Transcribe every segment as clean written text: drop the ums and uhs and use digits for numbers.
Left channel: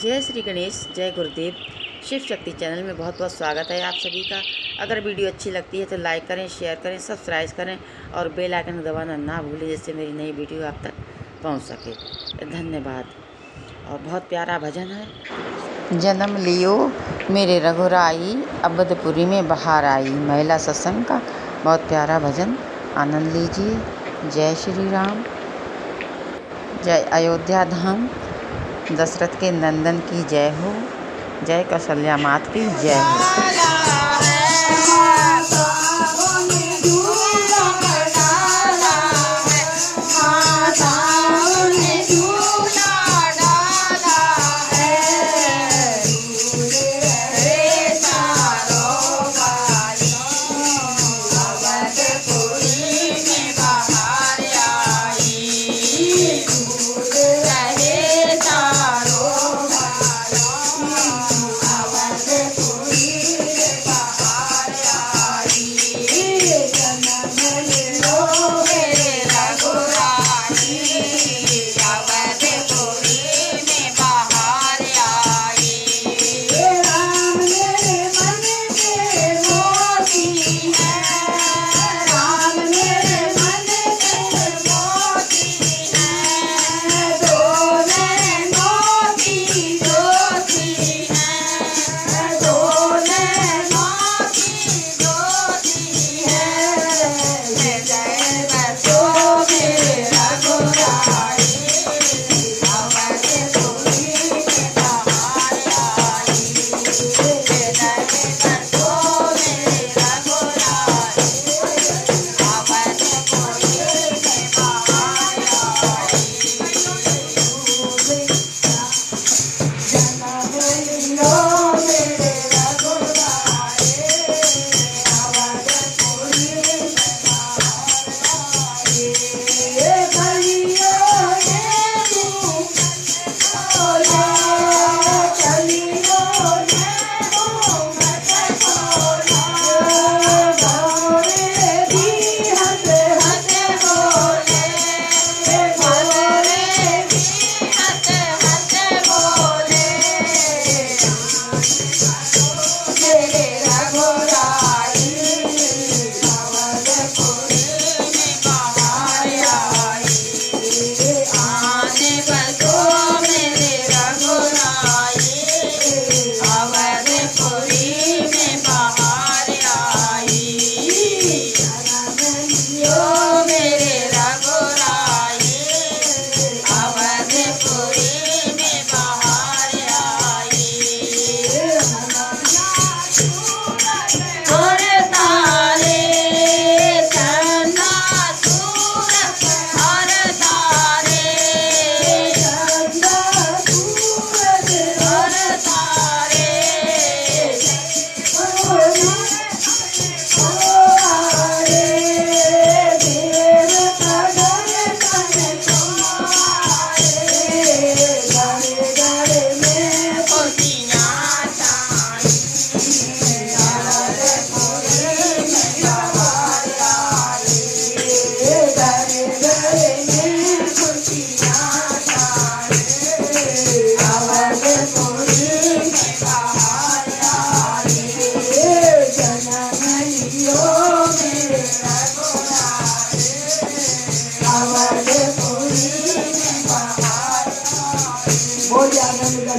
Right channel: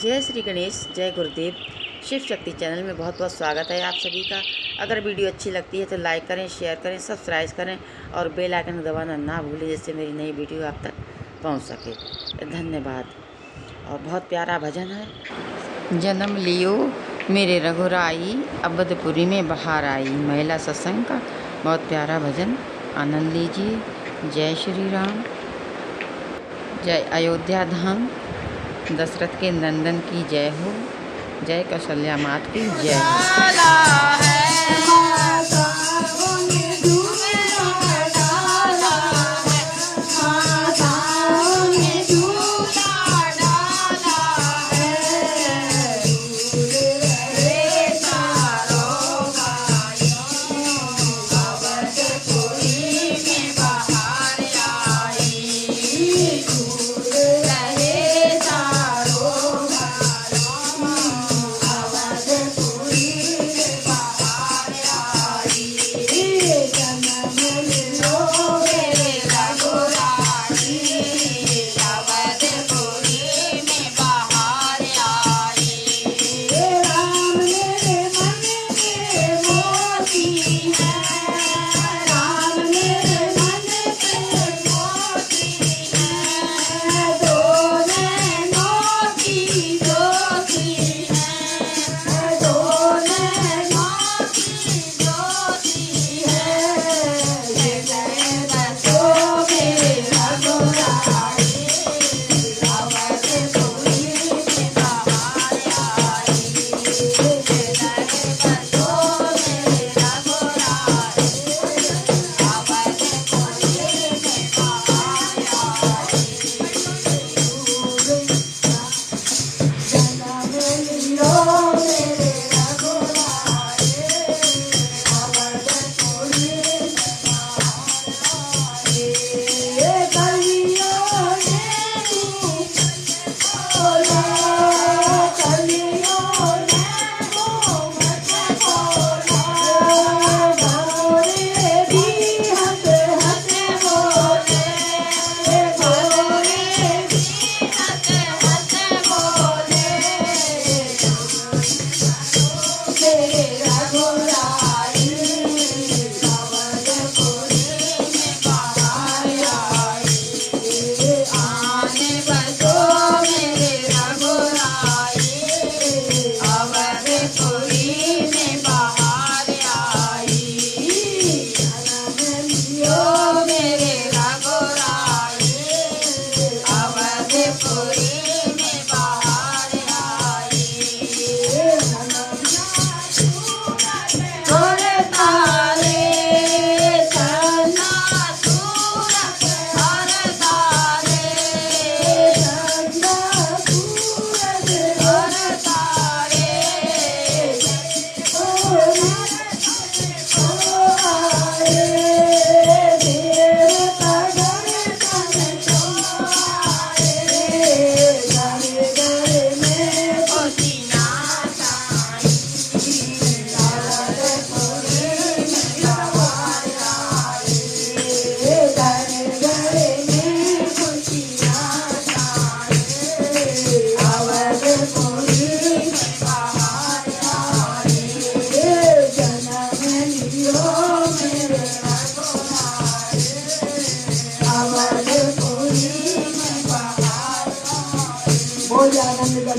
जय श्री गणेश, जय गुरुदेव। शिव शक्ति चैनल में बहुत बहुत स्वागत है आप सभी का। अगर वीडियो अच्छी लगती है तो लाइक करें, शेयर करें, सब्सक्राइब करें और बेल आइकन दबाना ना भूलें, जिससे मेरी नई वीडियो आप तक पहुंच सके। धन्यवाद। और बहुत प्यारा भजन है। जन्म लियो मेरे रघुराई, अवधपुरी में बहार आई। महिला सत्संग का बहुत प्यारा भजन, आनंद लीजिए। जय श्री राम, जय अयोध्या धाम, दशरथ के नंदन की जय हो, जय कौशल्या मात की जय हो।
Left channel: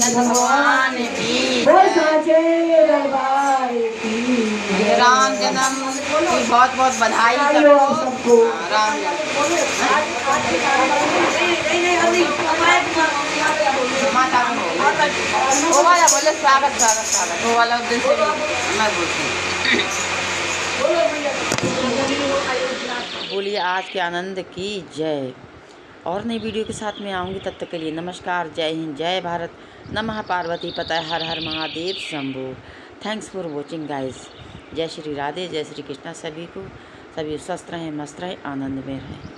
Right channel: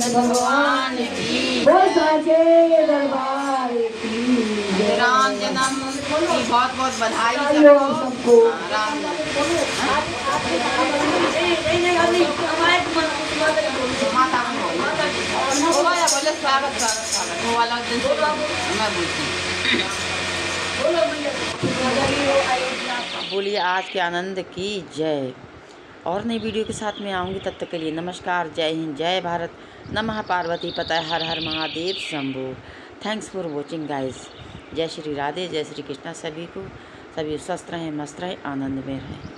भगवान की राम जन्म की बहुत बहुत बधाई सबको। राम माता वो वाला बोले स्वागत स्वागत स्वागत, वो वाला उस दिन से मैं बोलती। बोलिए आज के आनंद की जय। और नई वीडियो के साथ में आऊँगी, तब तक के लिए नमस्कार, जय हिंद, जय भारत, नमः पार्वती पतये, हर हर Mahadev Shambho. Thanks for watching guys. जय श्री राधे, जय श्री कृष्णा। सभी को सभी स्वस्थ रहें, मस्त रहें, आनंद में रहें।